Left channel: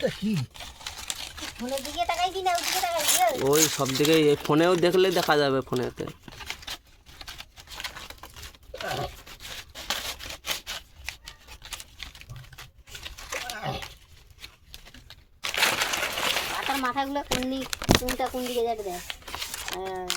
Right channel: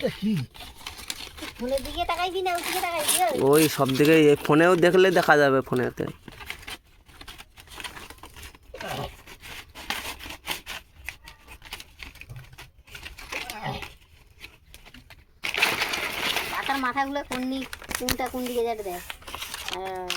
ওই। ওই সব দিকে ফোনেও দেখলে দেখা যাবে ফোনেতে পাতার মাথাগুলো কোন দিক কোনটা কোন দিকে যাবে দেখ আহ,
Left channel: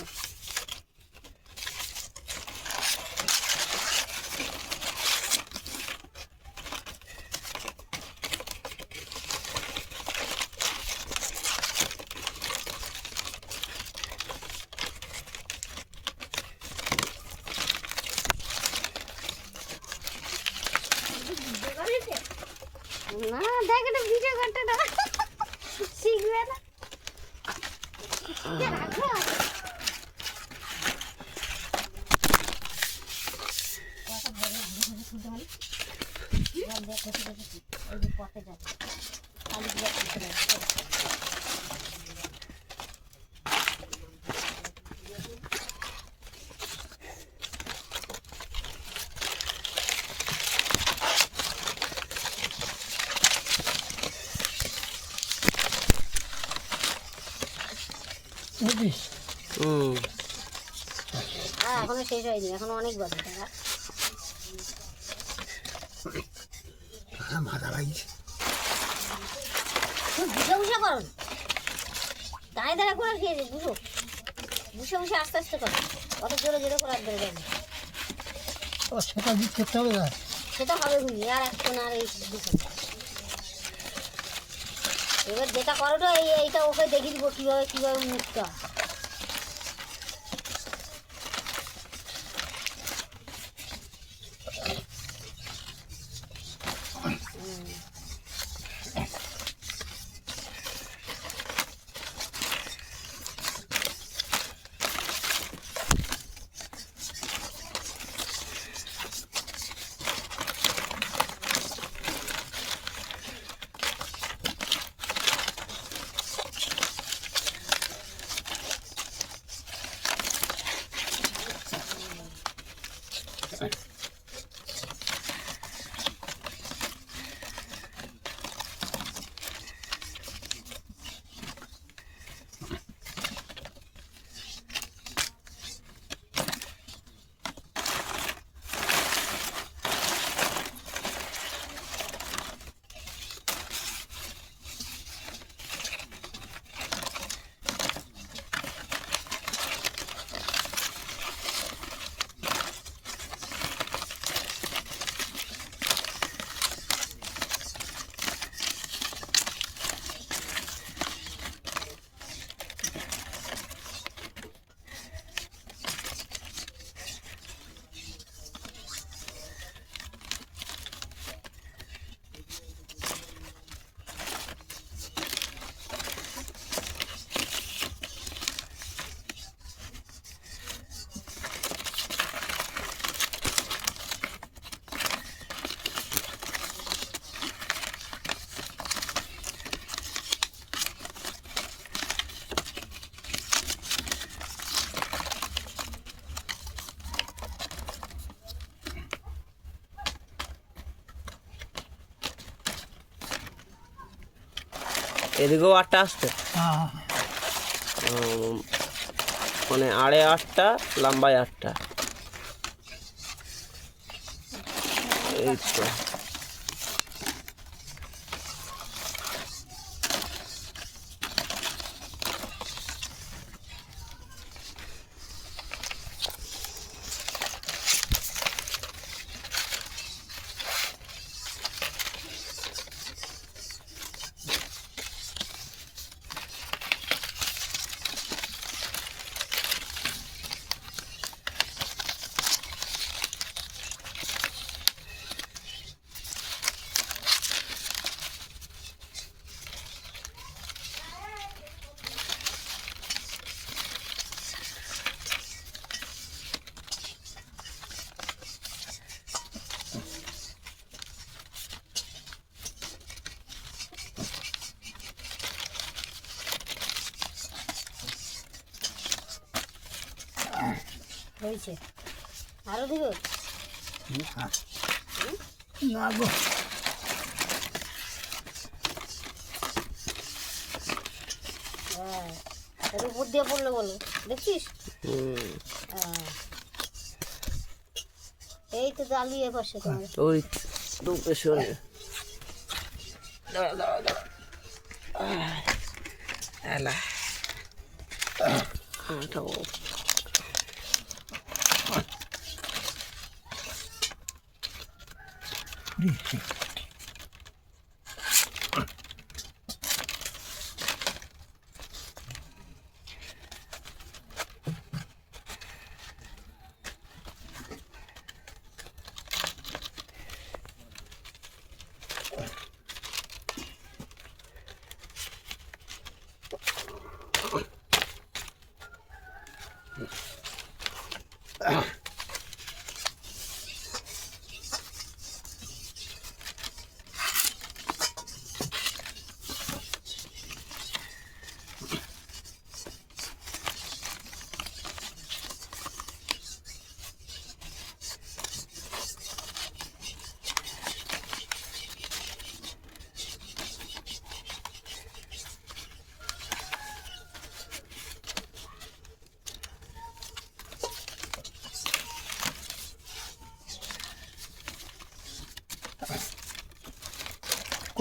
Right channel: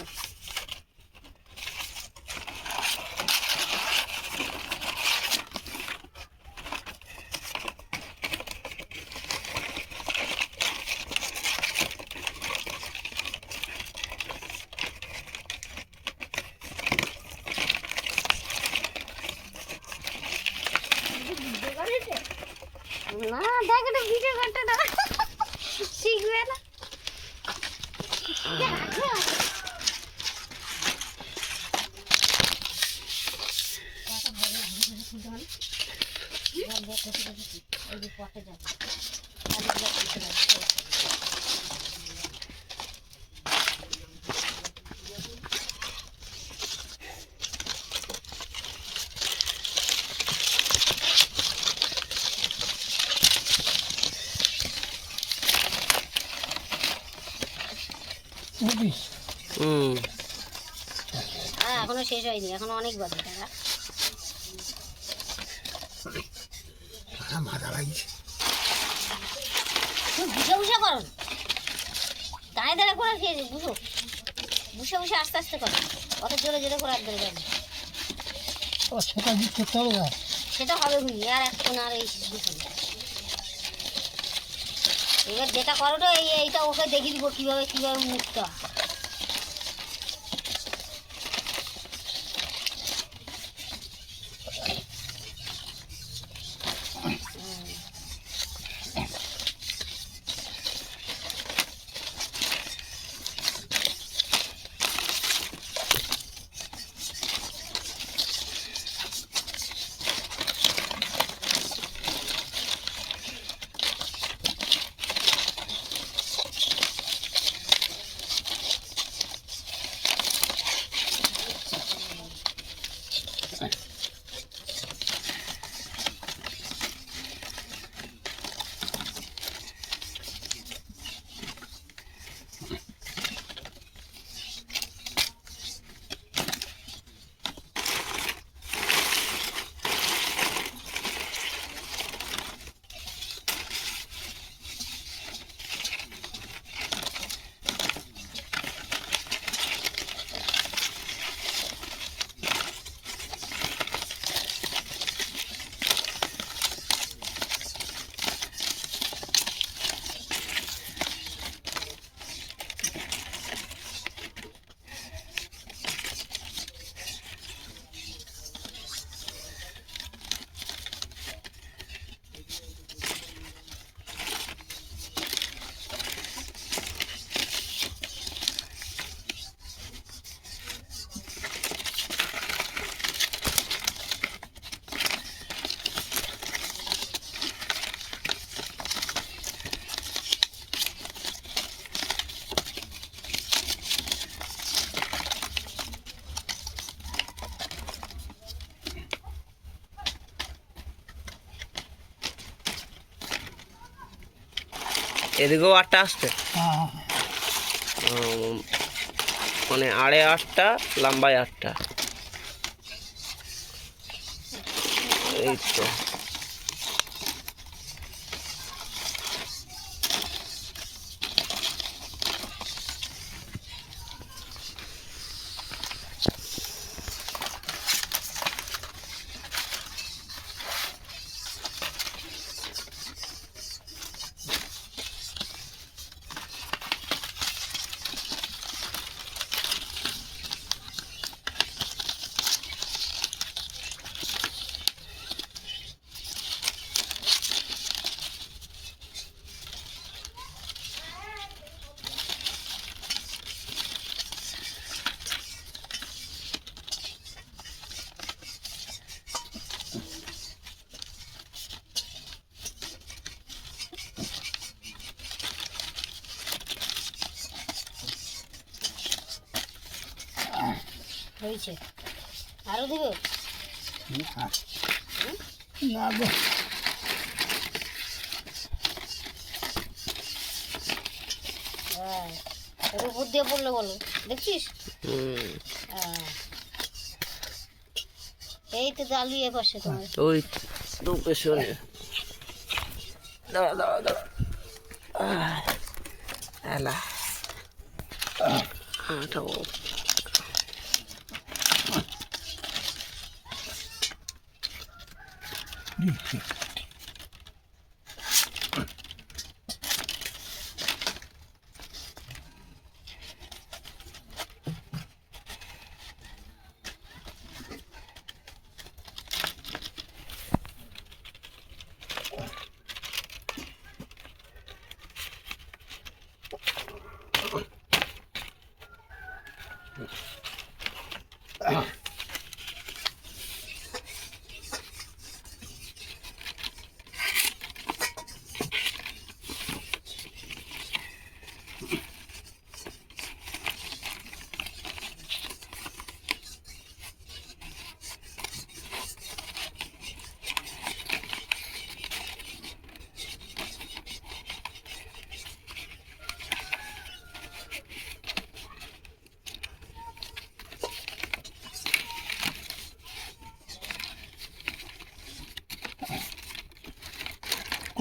না দেখ এটা ভিডিও ঘন্টাটা শিখবে না বুঝিস হুম হ্যাঁ এখনও শেষ হয়নি এখনও অনেক বাকি টাকা মাথা লাগছে বুঝে বুঝে করো দাঁড়িয়ে দাঁড়া করে খেয়েছিস বুঝো বুঝে বুঝে আস্তে আস্তে করো। অত জোরে জোরে করে আর সেটা করতে হবে না। সেটা হবে বুঝি আর এখন আর এই বুঝো এবার যেটা করো এই এইটা ওকে দেখিয়ে দিব কীভাবে কীভাবে মুখটা। এদিকেও আটটা আসছে। হ্যাঁ। মানে আড়ে আটটা লম্বায় আটটা। এই তো। হয়েছে। আরও দিবে? না গো। হ্যাঁ ওর উপর দিয়ে পড়ল বলো। দেখছিস? হুম। হ্যাঁ। এই তো জালিয়ে পাশে তোমার। ওই তো পেছনে। দাঁড়া দাঁড়া দাঁড়া। এলা। Dice.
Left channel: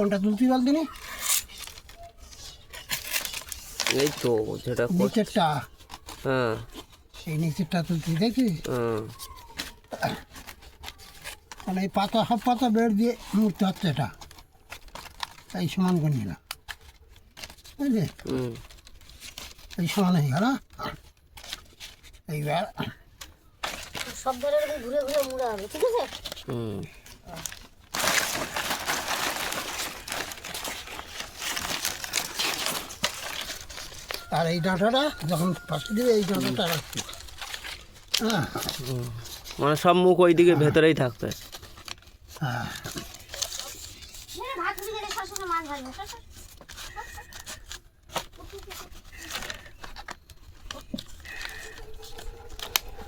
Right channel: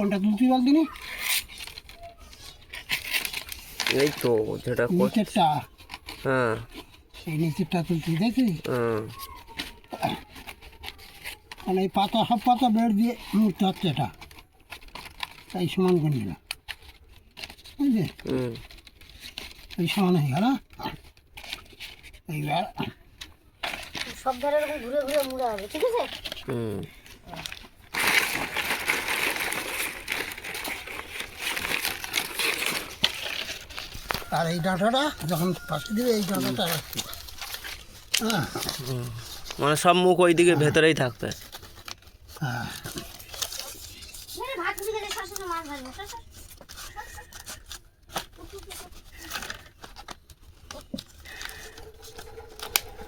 কোনটা তুলতে পারলি নি এই তো যেটা নিচেরটা? হ্যাঁ। এই নিচেরটা তুলতে দেখছিস হ্যাঁ। মানে এই পাতা সব পাতা বের দিয়ে মুখতে হচ্ছে এটা। তাই সমান করে না। বুঝলি? হুম। এই সমান হয়ে গেল এইবার সব ধারে এরকম ঘুরে ঘুরে মুড়া হবে ঠিক আছে? হুম। আর এই ডাঁটাটা যখন পাশে দিবে এই ডাঁটাটা রাখছি হ্যাঁ। মানে সব মুখ ওইদিকে ভেতরেই থাকবে। হ্যাঁ। এই ভাত ঘুরে গেলে শাশুড়ি মাছ ভাজবে সর, সর।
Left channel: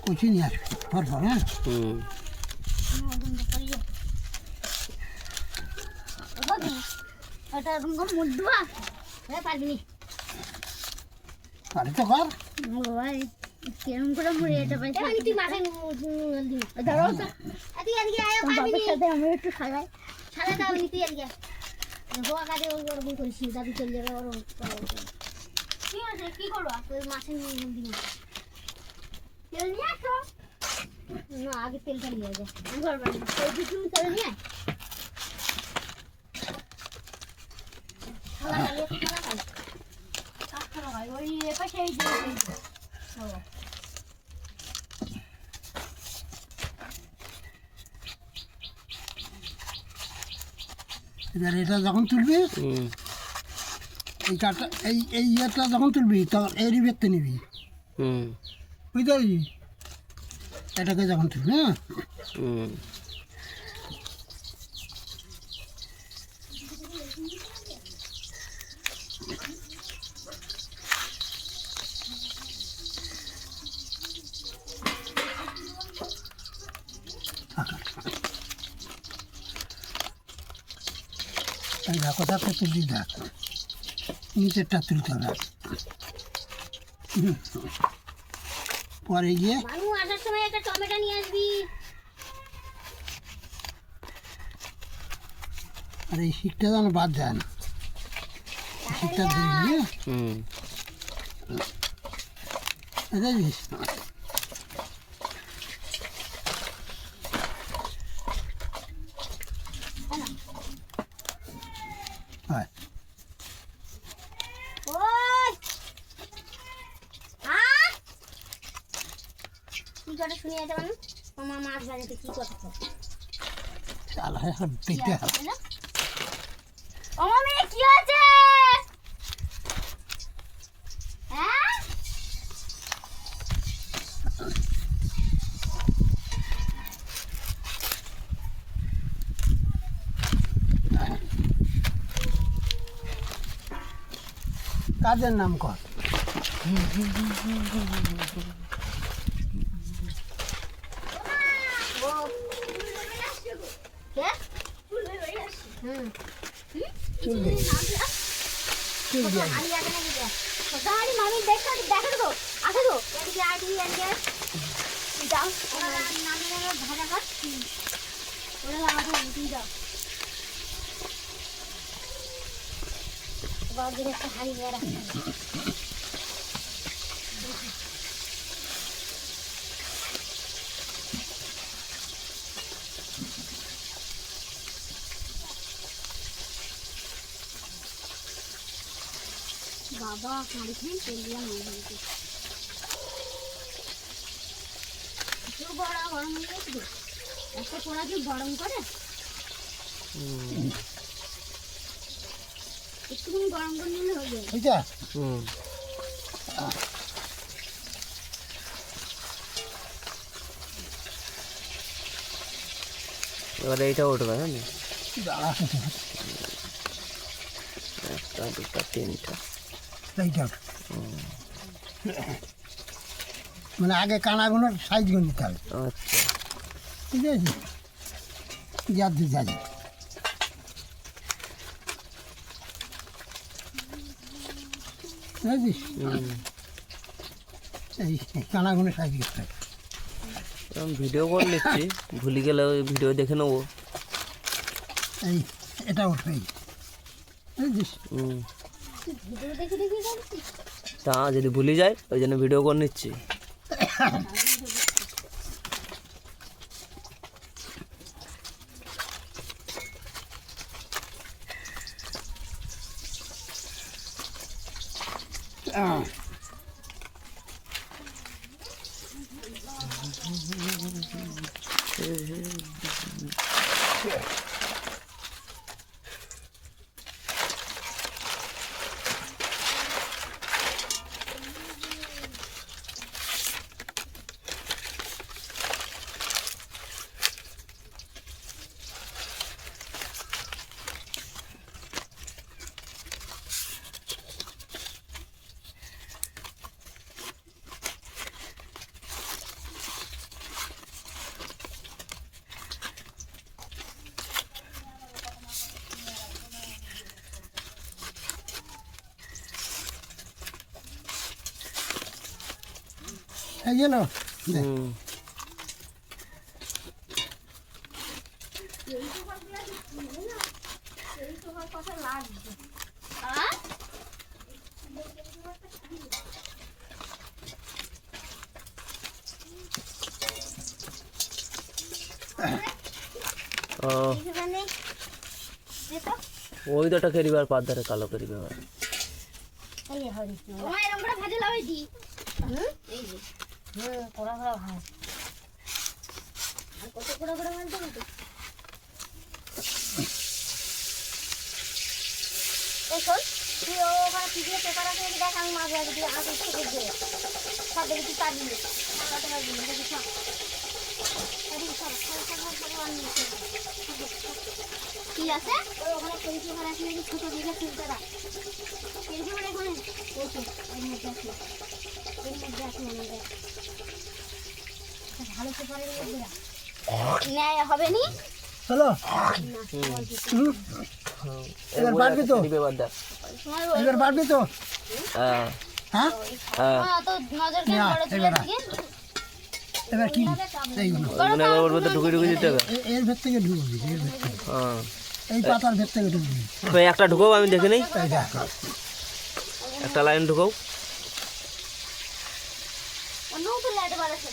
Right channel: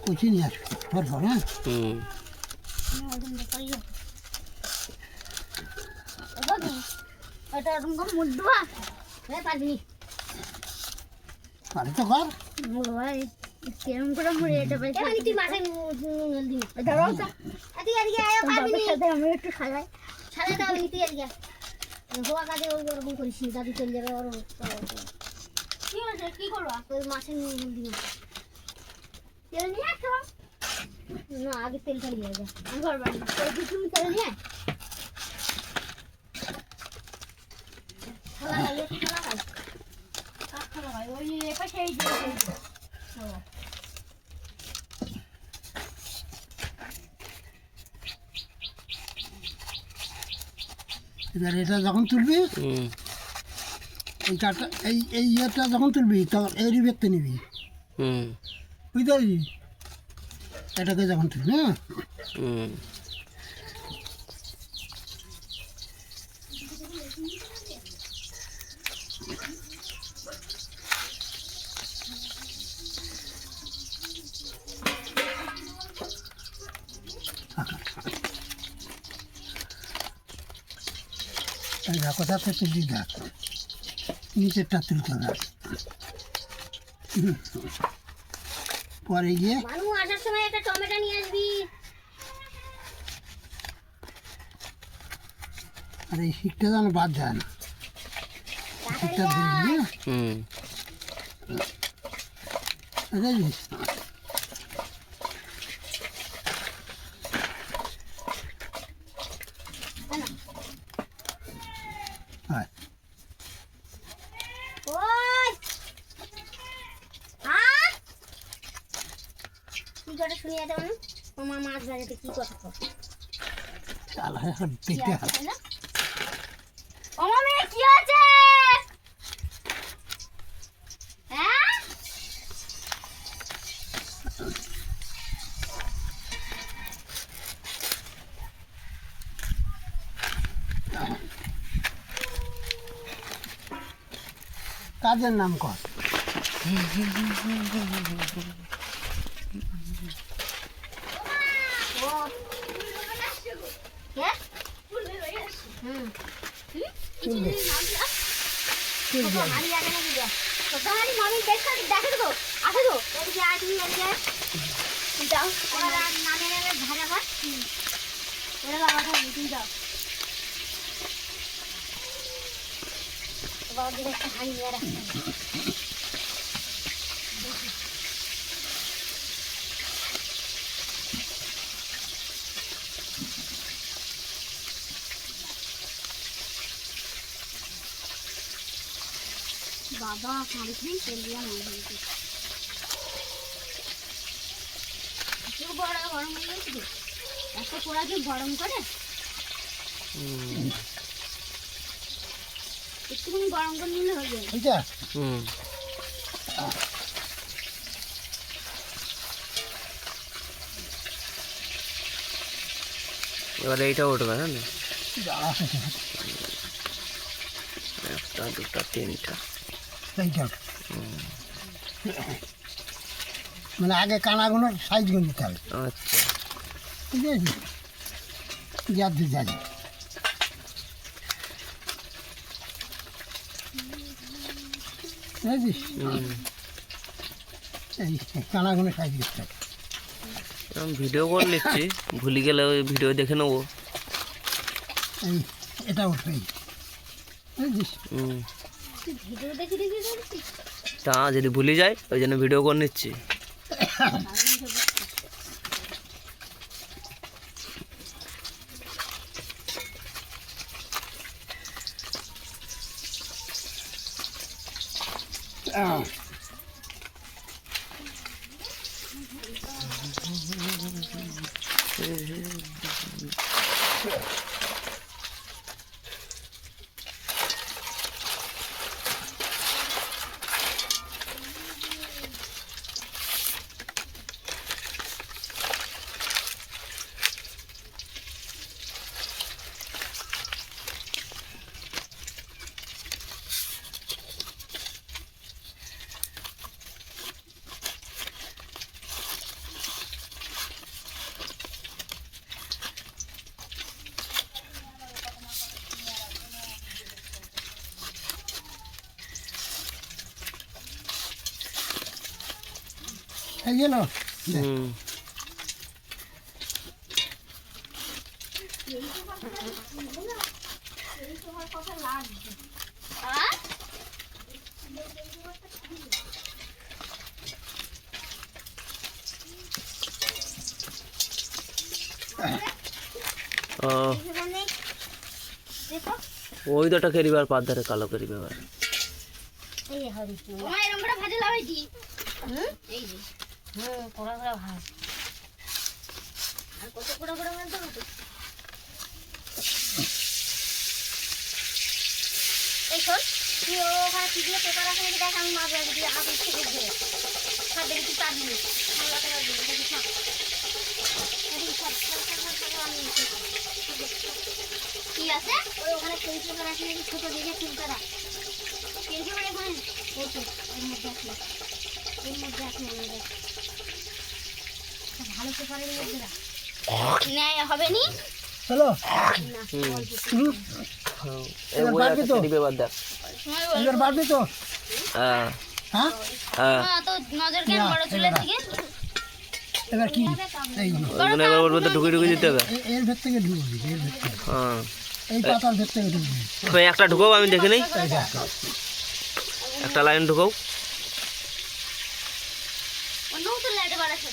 কুচি নিয়ে আসবি পরপর হ্যাঁ। হুম। ওটা হ্যাঁ পারবি নি তো কর। ভাই কেরম করে মুড়ে এটা পাই এবার তুই মাঠে নুন দিবি ধরো। তুই এদিকে আয় পারবি নি সাথে আমি একটু খালাই। সাথে দাও তুই এদিকে। হোয়া কাজে ওরকম করিস দাদু চলে যাবে ওর কি আছে কি করব? তোর মাছের নুন দিবি তেল নিয়ে আসো। না আগে তেলটা নিয়ে যা। ঘর বাড়ি। তুমি তেল নিয়ে আয়। খালা খাই খালা খাই এবার এটা যখন তুলবি এই কাঠটা এই এই ইয়েটা যখন তুলবি তখন এরই বেরতে নিবি। বুঝতে পারলি? এটাকে যখন তুলবি হ্যাঁ? এই দেখো কোথাতে দেখ নিচেরটা তুলতে হবে পরে গিয়ে মানু আসার সময় একটা টমেটো নিয়ে আসবি। আর এই শিকটা যেন বাদ যায় না। শিকটা দিবি হ্যাঁ হুম বুঝেছিস হয় ওই আ কি করে শুনি এটা মানু তোমার মাছ বাড়িতে কি এখন দেখতে হবে। আমার মেয়ে কি আছে হ্যাঁ? কাজের নাম কর। বাবা একটা হাড়ি নিয়ে রাখতে বাবা খেয়ে তেল দিয়ে নিয়ে যাবে। এত বড় গরম হয়ে গেছে। এত পোড়া কি গরম করে। একটুখানি গরম করে নিলে হয়ে যাবে। হুম। এবারে এইটা উঠবে হ্যাঁ? না? একটা দুটা তিনটা। মানে আগে কানাগুলোর সাইজগুলো নিতে হবে। আচ্ছা। ঠিক আছে? যার দিয়ে যাবে এই কানাগুলো সাইজ করতে হবে। ভিডিও করে নিচ্ছি। ভুলে গেলে ওই ভিডিও দেখে নেব। এই এটা এই। বুঝেছিস? হুম। তা যদি ভুলে যায় ওই জন্য ভিডিও করে নিচ্ছি। গেল হ্যাঁ ও সেখানে ওই দুটা কেরিবার পাত ধারে কালো কেরিবে এবার। এই হরি এরকম করে ভাজে লাগাইছি হুম? এই যে হুম পোড়া পোড়া ভাজ আর কত পোড়া বলতে কত এই শোন তুই ওখানে টিভিতে পেপার আছে দেখ আমি মাছ রাখি দিয়ে দেখি চাবি নে ঠিক আছে ওই ওখানে সেই পেপার আছে ছোটো দিকে চিন্তা রাখ কেজি মানে ওখানে ওই তো এর মধ্যে আসলো এর মধ্যে আসলো ভালো পেপারের মধ্যে রাখ ন্যায় হবে নি চলো হুম। হুম, এবার পারবি তো? এবার পারবি তো? হ্যাঁ? হ্যাঁ হ্যাঁ হ্যাঁ তো নজর কেন বড় চুলের দিকে এবার কি? এইগুলো ওইগুলো এবার ওর মধ্যে ঢুকে ঢুকে দিতে হবে। এর ভেতর থেকে ঢুকবি এর ভেতর হ্যাঁ। এই পাতার ভেতর থেকে ঢুকবি। একটা ঢুকাও আমি দেখে নেই। একটা লাইন ঢুকাও অন্য তো লাইটে বাড়াচ্ছে না আমাদের হয় হয়নি যে আমি দৌড়টা মাছ খাই দিয়ে গেছি সে চৌকোটাই মাছ নিয়ে গেছি জানো নি তা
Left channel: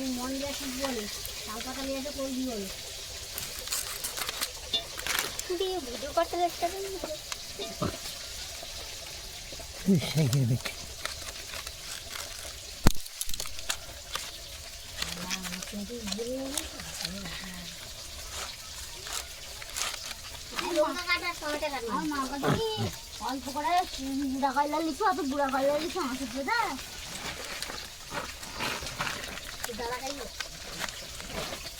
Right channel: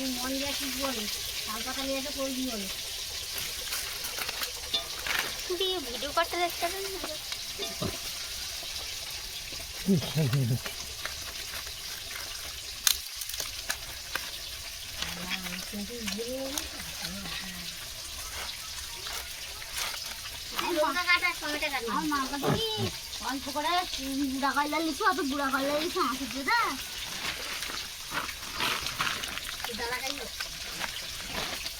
সেদ্ধ মন দিয়ে শিখব না শাল পাতা নিয়ে এসে করে দিও না দিয়ে ভিডিও করতে দেখতে পারেন লঙ্কা কাটা টমেটো কাটা আমার মা বলছে অল্প করে বুড়া কয়লা লিখো অত বুড়া কয়লা লিখো আমাকে দিয়ে দা দাদা খাইবো একটা দিন করে দেবে কি কইতে তো ডাল লঙ্কা করে দাও রান্না করতে তো পারছেন তাই যে হুম পেঁয়াজ একটা কিছু লাগে না তোকে ফোড়ন লাগবে ফোড়ন গাইকে দেখ ফোড়ন আছে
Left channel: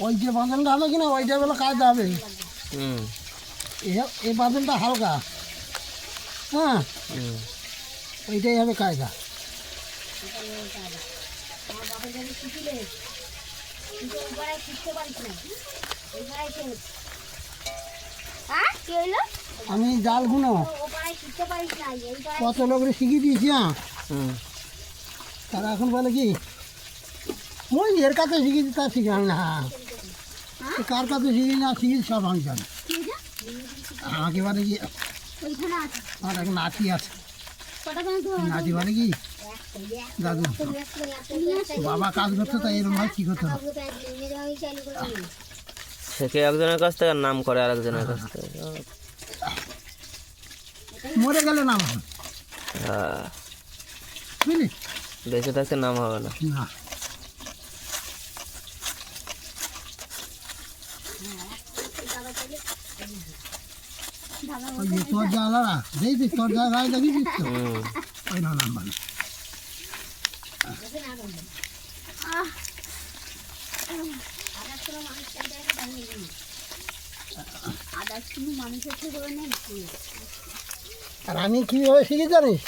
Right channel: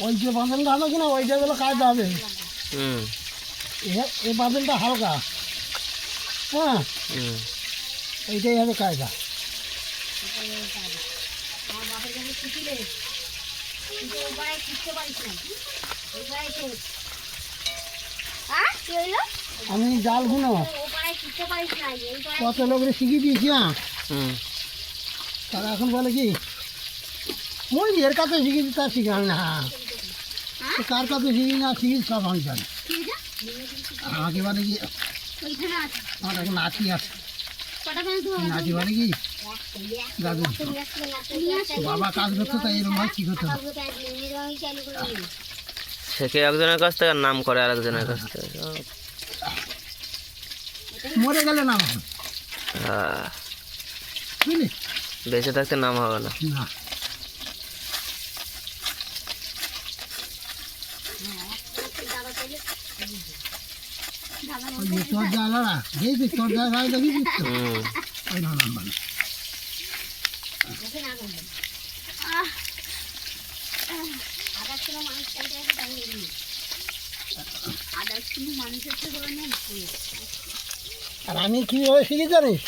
ওই যে বাঁধনটা হলো কিনা ওইটা বেলা কাজ এ- এই বাঁধনটা হালকা হ্যাঁ হুম। ওইটাই হবে কায়দা আমি জাল গুনো না কত লোকের শিখিয়ে দিয়েছি হ্যাঁ? তারা এখন বলে কি ওই এর কাছে শিখেছি তার শিখাল না কার কাছে শিখি না শিখি সব আমি জানি? আমাকে বলে কি? ওইখানে আছে। আমার এক নাতি আছে। নাতি বলে কি? দাদু। বাবা কাজ করতো তাই এরকম ভাবে ঠিক হতো শেখে একজনের কাছ থেকে আর নাম করে আরেকজনের কাছ থেকে? মরে গেলে নাম হবে। হ্যাঁ। বুঝলি? বেঁচে থাকতে নাম হবে না। না। ওই যে তোর জায়গা দেখছিস তোর তো হুম। ওই না নাম নেই আর আমি কীভাবে শিখি জানিস?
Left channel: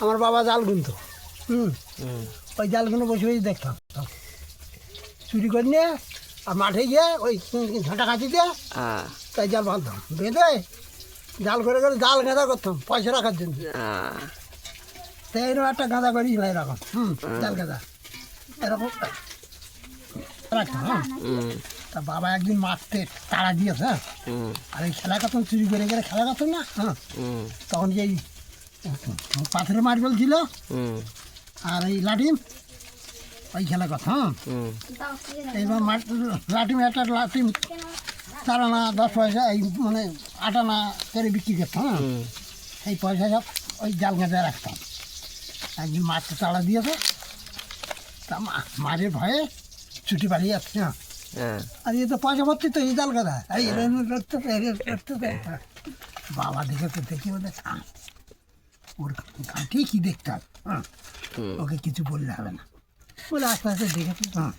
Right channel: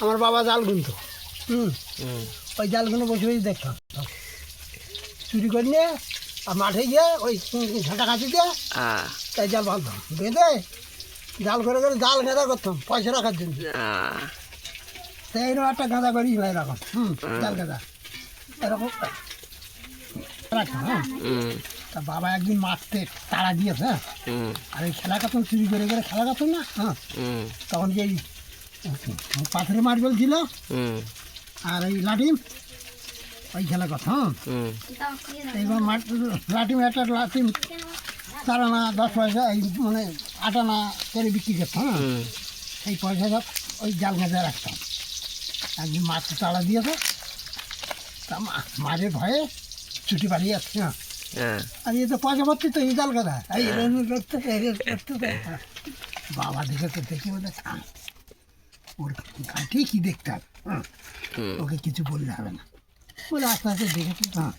আমার বাবা জাল গুনতো। হুম। হুম। ওই জালগুলো বসে বসে দেখতাম। চুরি করে নিয়ে আর মাঠে গিয়ে ওই ঝাঁটা কাটি দিয়ে তাই জাল বাঁধতাম। বেঁধে জাল করে করে জাল গাঁদা করতাম পয়সা রাখার জন্য। তাই এরকম একটা গাঁদা করি ভাই এরকম। হুম জাল গাঁদা। এরকম রাখতাম হ্যাঁ। তা বাবা একদিন মারতে তাড়া দিয়েছে হ্যাঁ। আর এই খেলা কাতন চুরি করে করে খেলা কাতন না হ্যাঁ। তখন যে পাথরের মার্বেল ছিল আর এই লাঠিম ওই খেলা কথা হ্যাঁ? এইবার মাঠ লাঠিম একটা লাঠিম চার আনা দশ পয়সা এই মানে আট আনা করে বিক্রি করতাম হ্যাঁ? সেই পয়সা সব ওই জাল গাঁজা রাখতাম। একদিন মাছটা তাড়া দিয়েছে তা মা- মাঝে ভয়ে ছুটি পালিয়ে যাচ্ছে হ্যাঁ? হ্যাঁ। আর এ তো পয়সা ভর্তি তো এই জাল গাদা এই বাবা দেখে তো দেখে বলে ওর ঘাটে কি দেখতে হবে হ্যাঁ? ওকে কিছু বললে হবে না। বলে আস্তে আস্তে দেখেছি হ্যাঁ।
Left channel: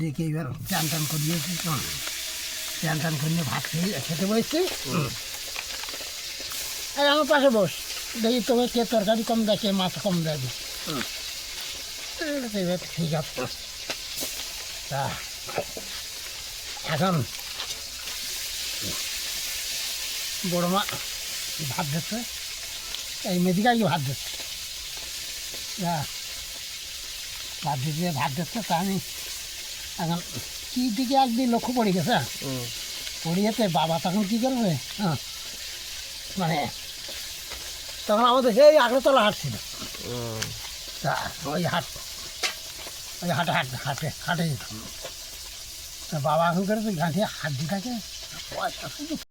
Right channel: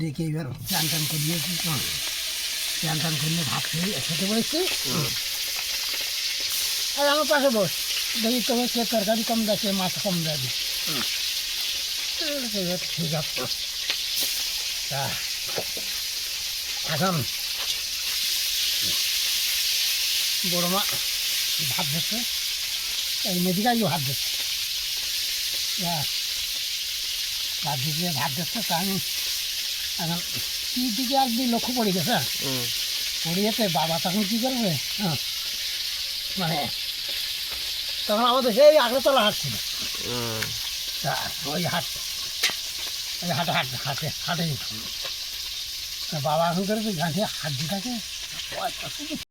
দেখে এবার চান টান করিয়েছি হ্যাঁ চান টান করিয়ে ভাত খেয়ে খেতে বসছি। এই আমার পাশে বস। দেখি তোকে কে তরকারি কম দেয় কে মাছ কম দেয় এবার ঠিক আছে তা এখন বড় মা ভাত দিচ্ছে। এই মেডিকালই ভাত দিচ্ছে। যা। ভাত দিয়ে ভাত দিচ্ছে তা আমি এখন কি দিকে একদিন লক্ষ্য পড়ে গেছে হুম। পড়িয়েতে বাবা তখন কী করবে হ্যাঁ? মানে তখন আমাদের সেই আগরতলা হাট ছিল তা ওই হাট ওই হাটে হাট হাটে হাটে যেতাম। বাবা এখন করে গাছে হাত পয়সা শুধু